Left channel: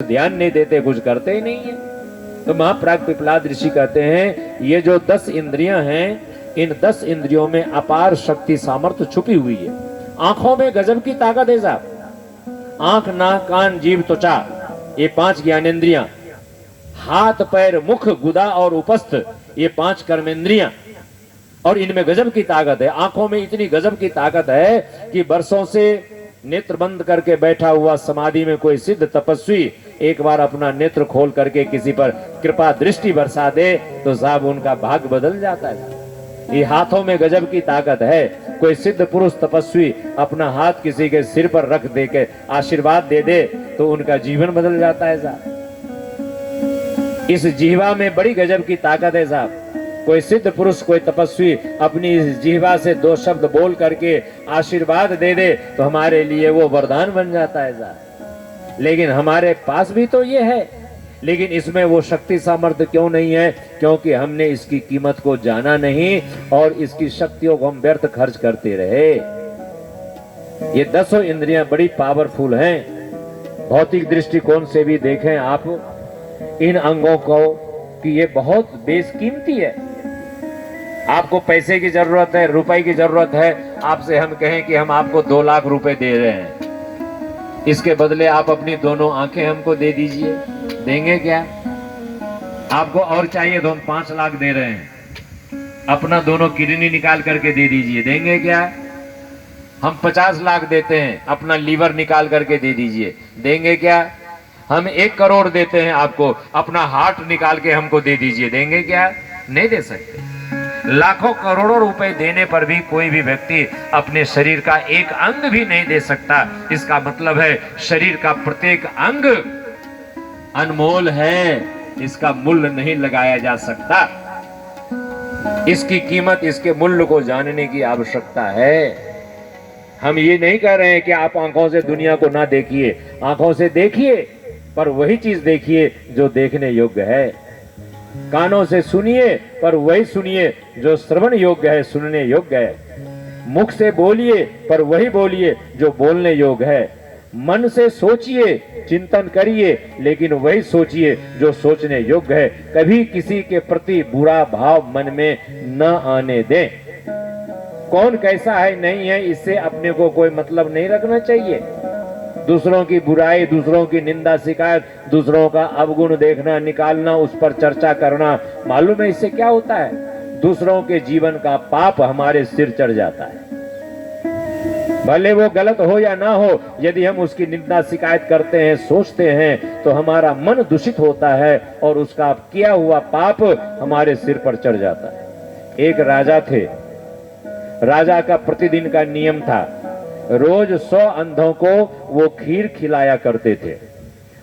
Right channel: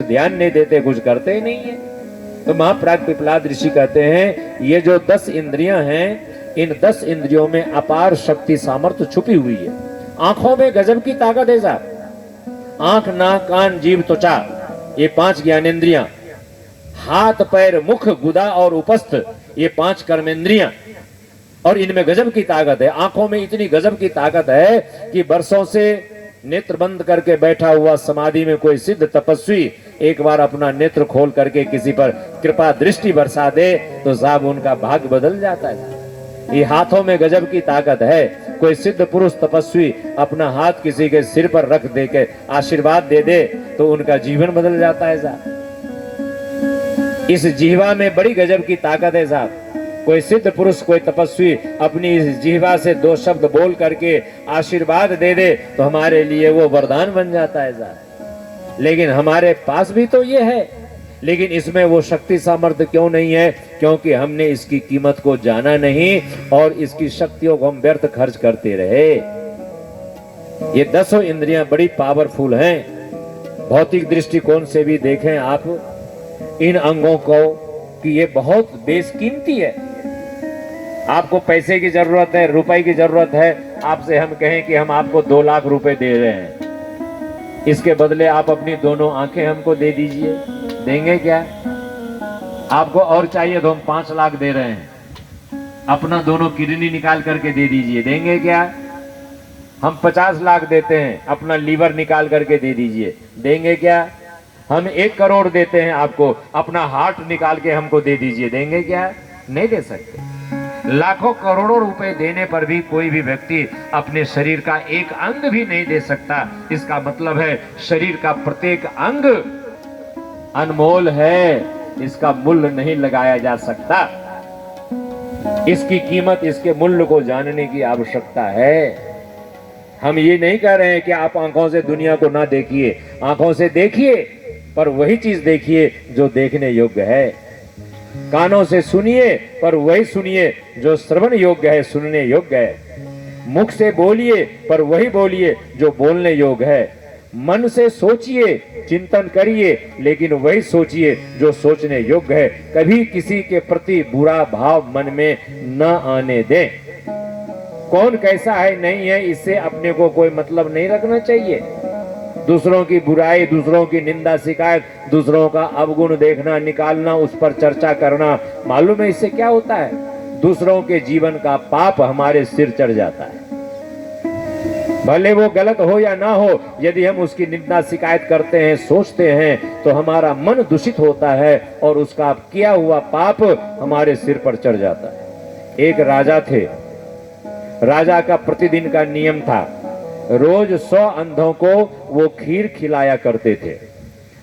ध्यान नहीं देते, कुछ करते ही नहीं है। तो महाप्राग पिपलाद ऋषि कहते हैं ये जो 10 इंद्रियां हैं, इन 10 इंद्रियों में अपार शक्ति सामर्थ्य छुपी हुई है। आंखों में गजब की ताकत है साहब। आंख, नाक, कान, जीभ, त्वचा, ये 5 ज्ञानेंद्रियां, हाथ, पैर, मुख, गुदा और उपस्थ, ये 5 कर्मेंद्रियां, और इनमें गजब की ताकत है। आंखों में इतनी गजब की ताकत है कि वर्षों से नेत्र बंद करके बैठा हुआ समाधि में कोई सिद्ध तपस्वी एक बार अपना नेत्र खोल करके किसी पर कृपा दृष्टि बरसा दे तो साहब उनका भाग्य बदल जाता है। ये हाथों में गजब की ताकत है। कोई सिद्ध पुरुष तपस्वी अपना हाथ किसी के सिर पर रख दे के आशीर्वाद दे दे तो उनका जीवन बदल जाता है साहब। इस जीवा में बड़ी गजब की ताकत है साहब। कोई सिद्ध पुरुष, कोई तपस्वी अपनी इस जीवा से 2 शब्द बोल करके आशीर्वाद दे दे तो हमारे लिए वो वरदान बन जाता है साहब। लेकिन हमारे पास भी तो ये है, लेकिन इसमें वो शक्ति सामर्थ्य क्यों नहीं है? क्योंकि हमने इसकी कीमत को जाना नहीं और इसकी शक्तियों को हम व्यर्थ खर्च करते रहे। ये 10 इंद्रियां बड़ी पावरफुल हैं। भौतिक दृष्टिकोण से भी देखें आप इन अंगों को कि ये बहुत बेशकीमती है। आपको पैसे की जरूरत है, रुपए की जरूरत है, आपसे हम कहें कि हम आपको 2 लाख रुपए दे रहे हैं, इसके बदले आप अपनी दोनों आंखें हमको दे दीजिए, देंगे क्या? आपको और चाहिए तो हम 5 लाख दे रहे हैं, अपना दोनों किडनी निकाल करके दे दीजिए, देंगे क्या? हम 50 लाख देते हैं, अपना लीवर निकाल करके दे दीजिए, देंगे क्या? हम 1 करोड़ देते हैं आपको, अपना हार्ट निकाल के हमको दे दीजिए, देंगे क्या? नहीं दे सकते। लाखों करोड़ों रुपए देने पर भी कोई भी व्यक्ति अपने शरीर का एक अंग भी नहीं दे सकता। इसका मतलब है शरीर का प्रत्येक अंग अनमोल है, इसका मूल्य नहीं लगाया जा सकता। इसकी कीमत, इसके मूल्य को जानने की आवश्यकता है। हम ये नहीं कह रहे हैं कि आप आंखों से दुनिया को ना देखिए, आंखों से देखिए पर वही चीज देखिए जो देखने योग्य है। कानों से सुनिए पर वही सुनिए जो श्रवण योग्य है, सुनने योग्य है। मुख से बोलिए पर वही बोलिए जो बोलने योग्य है। मन से सोचिए, चिंतन करिए, लेकिन वही सोचिए जो सोचने योग्य है। कभी किसी के प्रति बुरा भाव मन में न आने दें। कौन कैसा है नहीं है इससे अपने को कोई मतलब नहीं रखना चाहिए। दूसरों की बुराई, दूसरों की निंदा, शिकायत, दूसरों का अवगुण देखना, निकालना, उस पर चर्चा करना, मालूम है इससे क्या होता है? दूसरों के जीवन का पाप हमारे सिर चढ़ जाता है। भले वो गलत हो या ना हो, यदि हम उसकी निंदा शिकायत करते हैं, सोचते हैं तो हमारा मन दूषित होता है और उसका किया हुआ पाप हमारे सिर पर चढ़ जाता है। एक राजा थे। राजा का प्रतिदिन का नियम था, रोज 100 अंधों को वो खीर खिलाया करते थे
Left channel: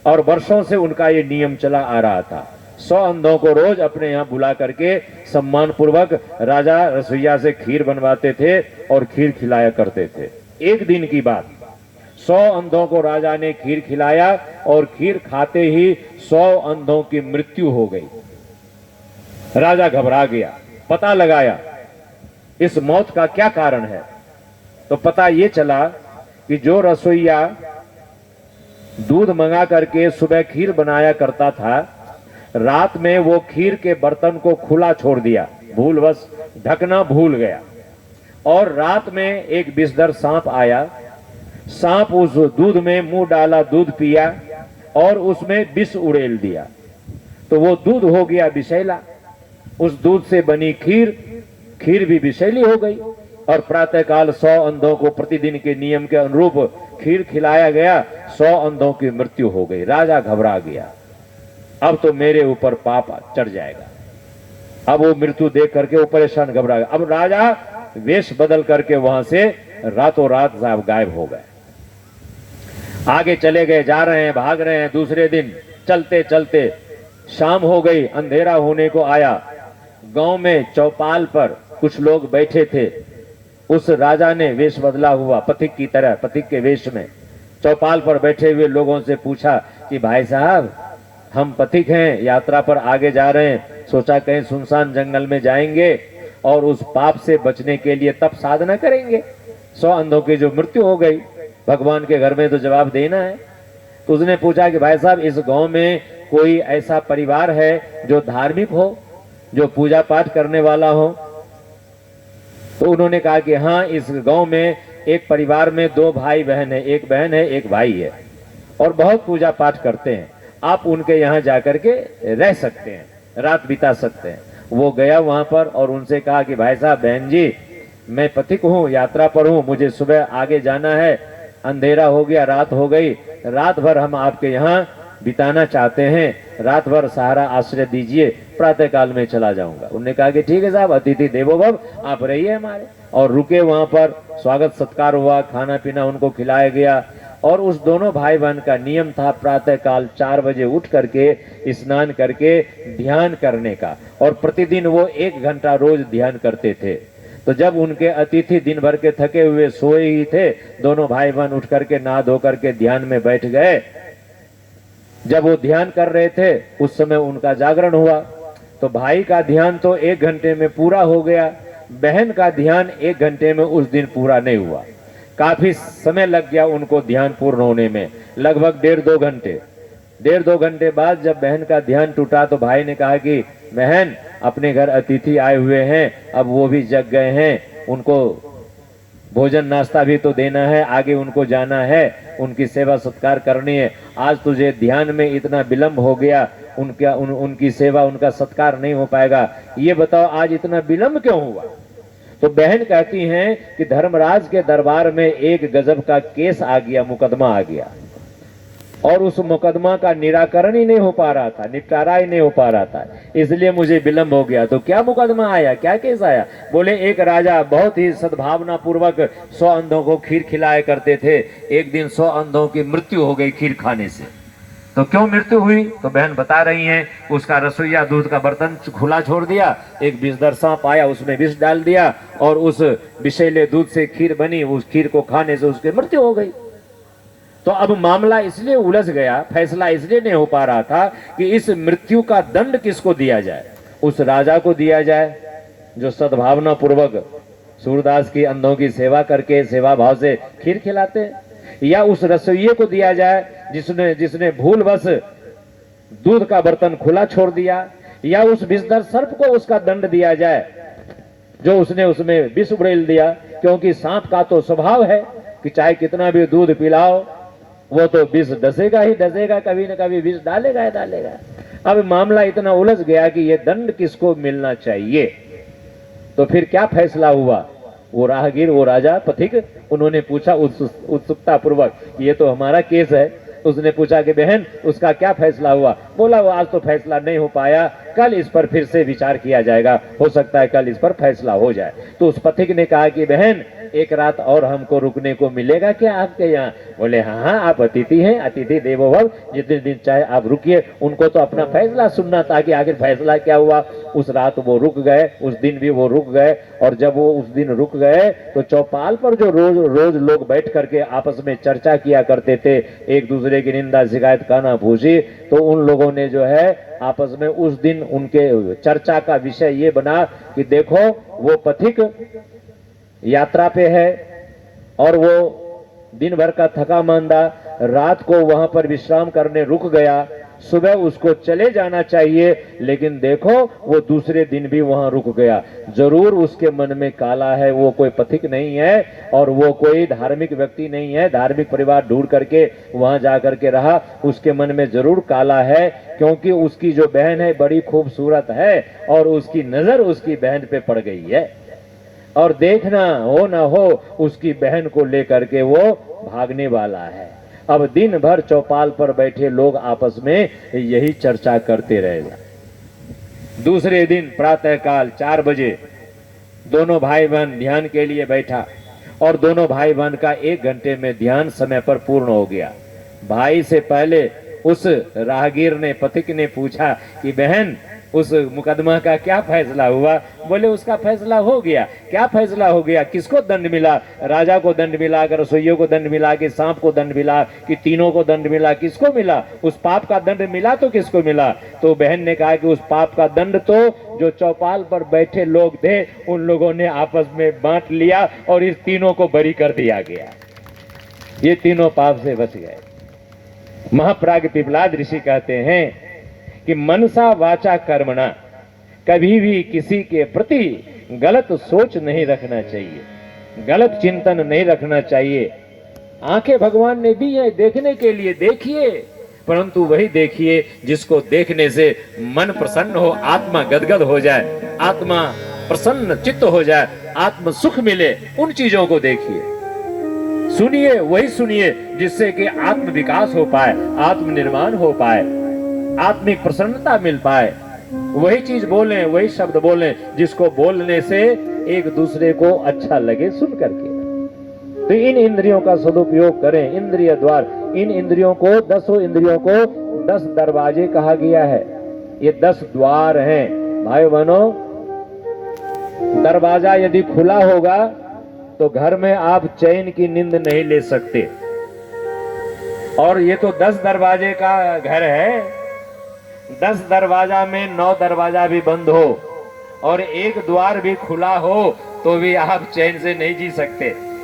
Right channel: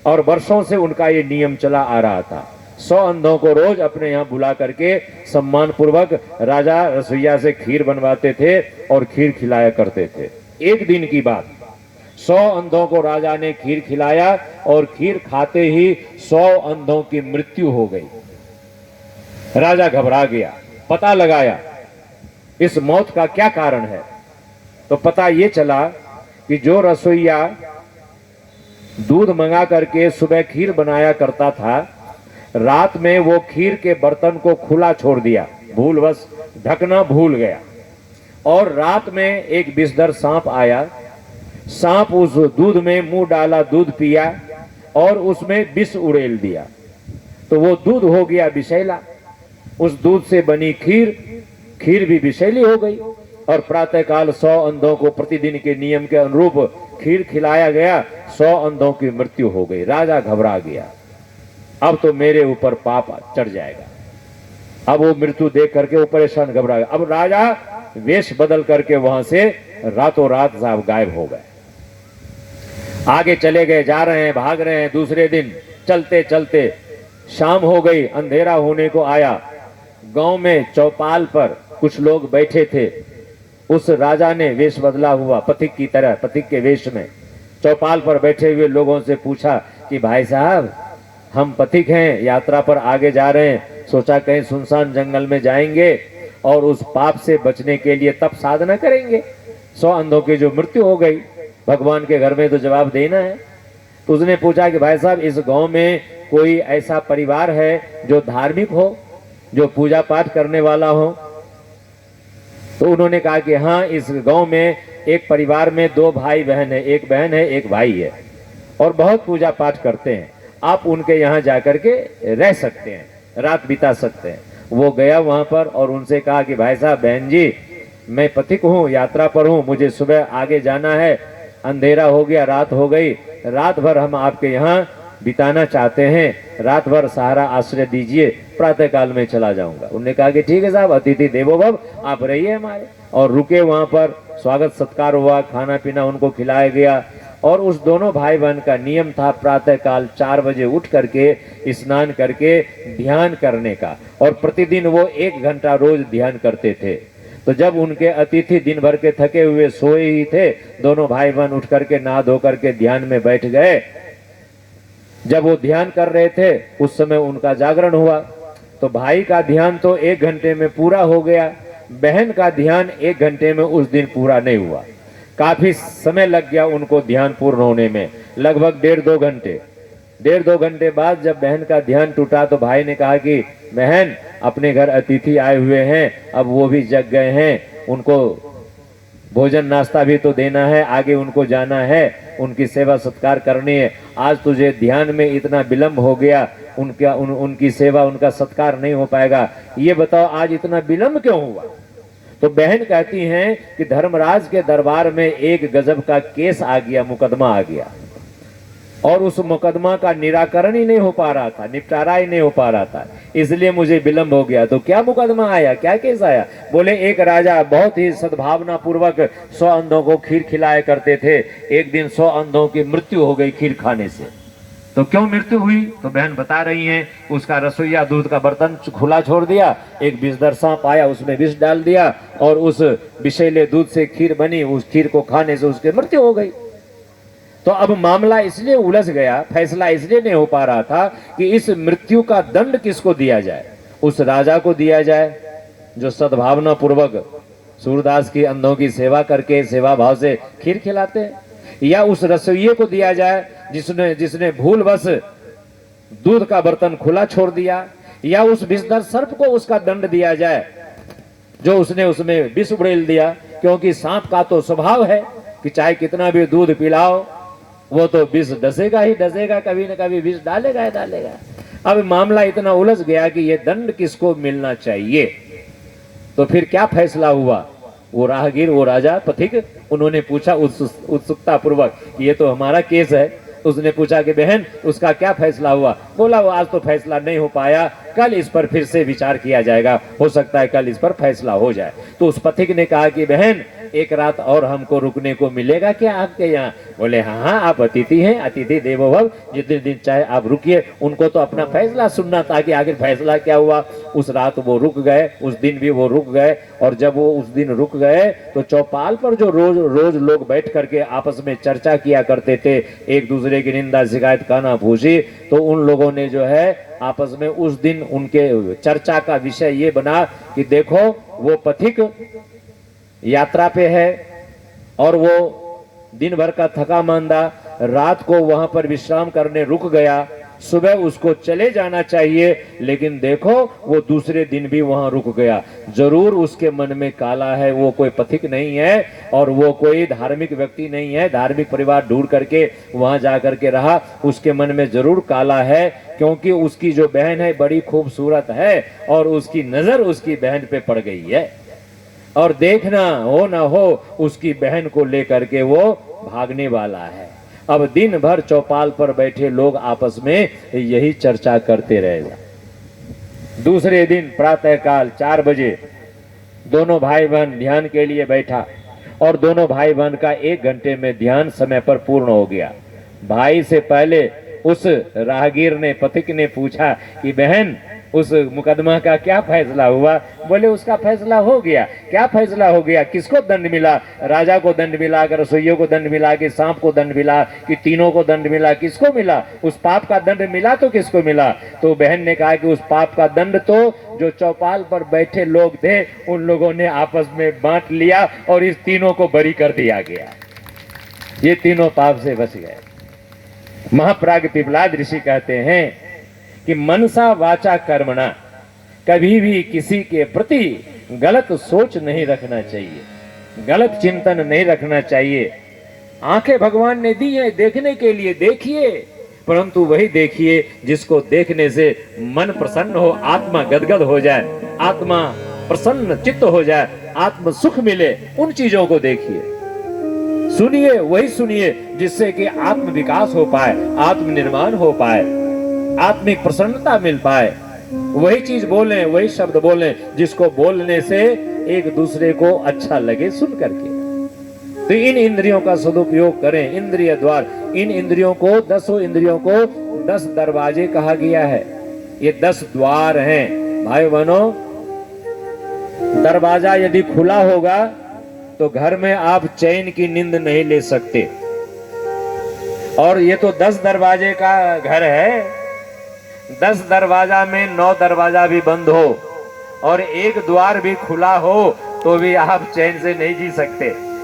और वर्षों से उनका ये नियम चला आ रहा था। 100 अंधों को रोज अपने यहाँ बुला करके सम्मान पूर्वक राजा रसोइया से खीर बनवाते थे और खीर खिलाया करते थे। एक दिन की बात, 100 अंधों को राजा ने खीर खिलाया और खीर खाते ही 100 अंधों की मृत्यु हो गई। राजा घबरा गया, पता लगाया इस मौत का क्या कारण है। तो पता ये चला कि जो रसोइया दूध मंगा करके सुबह खीर बनाया करता था, रात में वो खीर के बर्तन को खुला छोड़ दिया, भूलवश ढकना भूल गया, और रात में एक विषधर सांप आया। सांप उस दूध में मुंह डाला, दूध पिया और उसमें विष उड़ेल दिया, तो वो दूध हो गया विषैला। उस दूध से बनी खीर भी विषैली हो गई और प्रातःकाल 100 अंधों को प्रतिदिन के नियम के अनुरूप खीर खिलाया गया। 100 अंधों की मृत्यु हो गई। राजा घबरा गया, अब तो मेरे ऊपर पाप चढ़ जाएगा। अब वो मृत्यु देख करके वो परेशान, घबरा गया। अब राजा वेश बदल करके वहां से रातों रात साहब गायब हो गए। आगे चले गए, जा रहे हैं, भाग रहे हैं। दूसरे दिन चलते चलते शाम हो गई, अंधेरा होने को आया। गांव में चौपाल पर कुछ लोग बैठे थे। उस राजा ने वेश बदला हुआ, पथिक की तरह, पथिक के वेश में चौपाल पर बैठे हुए लोगों से पूछा कि भाई साहब, हम पथिक हैं, यात्रा पर आगे जा रहे हैं, सोचा कहीं सुनसान जंगल में जाएंगे और उस पाप से बचने के लिए तप साधना करेंगे। 100 अंधों की जो मृत्यु हो गई, भगवान के घर में तो जवाब देना है। तो उसने पूछा कि भाई साहब इस गांव में कोई ऐसा परिवार है जो धार्मिक हो, जो पूजा पाठ करने वाला हो? तो उन्होंने कहा कि हाँ, इस गांव में एक परिवार में 2 भाई बहन है, एक बहन है एक भाई है, और बहुत पूजा पाठ करते हैं, आप उनके यहाँ जाकर के रह सकते हैं, रात बिता सकते हैं। वो गया वहां पर और उनसे कहा कि भाई साहब, बहन जी, मैं पथिक हूँ, यात्रा पर हूँ, मुझे सुबह आगे जाना है, अंधेरा हो गया, रात हो गई, रात भर हम आपके यहाँ बिताना चाहते हैं, रात भर सहारा आश्रय दीजिए, प्रातः काल में चला जाऊंगा। उन्होंने कहा कि ठीक है साहब, अतिथि देवो भव, आप रहिए हमारे। और रुके वहां पर, स्वागत सत्कार हुआ, खाना पीना उनको खिलाया गया। और उस दोनों भाई बहन का नियम था प्रातः काल 4 बजे उठ करके स्नान करके ध्यान करने का, और प्रतिदिन वो 1 घंटा रोज ध्यान करते थे। तो जब उनके अतिथि दिन भर के थके हुए सोए ही थे, दोनों भाई बहन उठ करके नहा धो करके ध्यान में बैठ गए। जब वो ध्यान कर रहे थे उस समय उनका जागरण हुआ। तो भाई का ध्यान तो 1 घंटे में पूरा हो गया, बहन का ध्यान 1 घंटे में उस दिन पूरा नहीं हुआ। काफी समय लग गया उनको ध्यान पूर्ण होने में, लगभग 1.5-2 घंटे। 1.5-2 घंटे बाद जब बहन का ध्यान टूटा तो भाई ने कहा कि बहन, अपने घर अतिथि आए हुए हैं, अब वो भी जग गए हैं, उनको भोजन नाश्ता भी तो देना है, आगे उनको जाना है, उनकी सेवा सत्कार करनी है। आज तुझे ध्यान में इतना विलंब हो गया, उनकी सेवा उनका सत्कार नहीं हो पाएगा, ये बताओ आज इतना विलंब क्यों हुआ? तो बहन कहती हैं कि धर्मराज के दरबार में एक गजब का केस आ गया, मुकदमा आ गया, और उस मुकदमा का निराकरण ही नहीं हो पा रहा था, निपटारा ही नहीं हो पा रहा था, इसलिए मुझे विलंब हो गया। तो क्या मुकदमा आया, क्या केस आया? बोले एक राजा बहुत ही सद्भावना पूर्वक 100 अंधों को खीर खिलाया करते थे, एक दिन 100 अंधों की मृत्यु हो गई खीर खाने से। तो क्यों मृत्यु हुई? तो बहन बता रही हैं, उसका रसोईया दूध का बर्तन खुला छोड़ दिया, एक विषधर सांप आया, उसमें विष डाल दिया, और उस विषैले दूध से खीर बनी, उस खीर को खाने से उसकी मृत्यु हो गई। तो अब मामला इसलिए उलझ गया, फैसला इसलिए नहीं हो पा रहा था कि इस मृत्यु का दंड किसको दिया जाए। उस राजा को दिया जाए जो सद्भावना पूर्वक सूरदास की अंधों की सेवा करके सेवा भाव से खीर खिलाते हैं, या उस रसोइये को दिया जाए जिसने भूलवश दूध का बर्तन खुला छोड़ दिया, या उस विषधर सर्प को उसका दंड दिया जाए जो उसने उसमें विष उड़ेल दिया। क्योंकि सांप का तो स्वभाव है कि चाहे कितना भी दूध पिलाओ, वो तो विष डसेगा ही डसेगा, कभी न कभी विष डालेगा ही डालेगा। अब मामला इतना उलझ गया कि ये दंड किसको मिलना चाहिए। तो फिर क्या फैसला हुआ? वो राहगीर, वो राजा पथिक, उन्होंने पूछा उत्सुकता पूर्वक, ये तो हमारा केस है। उसने पूछा कि बहन, उसका क्या फैसला हुआ? बोला वो आज तो फैसला नहीं हो पाया, कल इस पर फिर से विचार किया जाएगा, हो सकता है कल इस पर फैसला हो जाए। तो उस पथिक ने कहा कि बहन, एक रात और हमको रुकने को मिलेगा क्या आपके यहाँ? बोले हाँ हाँ, आप अतिथि हैं, अतिथि देवो भव, जितने दिन चाहे आप रुकिए। उनको तो अपना फैसला सुनना था कि आखिर फैसला क्या हुआ। उस रात वो रुक गए, उस दिन भी वो रुक गए, और जब वो उस दिन रुक गए तो चौपाल पर जो रोज लोग बैठ करके आपस में चर्चा किया करते थे, एक दूसरे की निंदा शिकायत काना फूसी, तो उन लोगों ने जो है आपस में उस दिन उनके चर्चा का विषय ये बना कि देखो, वो पथिक यात्रा पे है और वो दिन भर का थका मांदा रात को वहां पर विश्राम करने रुक गया, सुबह उसको चले जाना चाहिए, लेकिन देखो वो दूसरे दिन भी वहां रुक गया। जरूर उसके मन में काला है, वो कोई पथिक नहीं है और वो कोई धार्मिक व्यक्ति नहीं है, धार्मिक परिवार ढूंढ करके वहां जा करके रहा, उसके मन में जरूर काला है, क्योंकि उसकी जो बहन है बड़ी खूबसूरत है और उसकी नजर उसकी बहन पे पड़ गई है, और देखना हो ना हो उसकी बहन को लेकर के वो भागने वाला है। अब दिन भर चौपाल पर बैठे लोग आपस में यही चर्चा करते रहेगा। दूसरे दिन प्रातः काल 4 बजे दोनों भाई बहन ध्यान के लिए बैठा, और दोनों भाई बहन का 1 घंटे में ध्यान समय पर पूर्ण हो गया। भाई से पहले उस राहगीर ने, पथिक ने पूछा कि बहन, उस मुकदमा का क्या फैसला हुआ? बोले उसका फैसला हो गया। क्या फैसला हो गया? किसको दंड मिला? राजा को दंड मिला, रसोइयों को दंड मिला, कि सांप को दंड मिला, कि तीनों को दंड मिला? किसको मिला? उस पाप का दंड मिला तो किसको मिला? तो बहन ने कहा कि उस पाप का दंड तो जो चौपाल पर बैठे लोग थे उन लोगों ने आपस में बांट लिया और इस तीनों को बरी कर दिया गया। ये तीनों पाप से बच गए। महाप्राग पिपलाद ऋषि कहते हैं कि मनसा वाचा कर्मणा, कभी भी किसी के प्रति गलत सोच नहीं रखना चाहिए, गलत चिंतन नहीं रखना चाहिए। आंखें भगवान ने दी है देखने के लिए, देखिए, परंतु वही देखिए जिसको देखने से मन प्रसन्न हो, आत्मा गदगद हो जाए, आत्मा प्रसन्न चित्त हो जाए, आत्म सुख मिले, उन चीजों को देखिए। सुनिए, वही सुनिए जिससे कि आत्म विकास हो पाए, आत्म निर्माण हो पाए, आत्मिक प्रसन्नता मिल पाए। वही चीज बोलें, वही शब्द बोलें जिसको बोलने से एक दूसरे को अच्छा लगे सुन करके। तो इन इंद्रियों का सदुपयोग करें। इंद्रिय द्वार, इन इंद्रियों को, 10 इंद्रियों को 10 दरवाजे कहा गया है। ये 10 द्वार हैं भाई बहनों। दरवाजा यदि खुला होगा तो घर में आप चैन की नींद नहीं ले सकते। और ये तो 10 दरवाजे का घर है, 10 दरवाजा में 9 दरवाजा भी बंद हो और एक द्वार भी खुला हो तो भी आप चैन से नहीं जी सकते।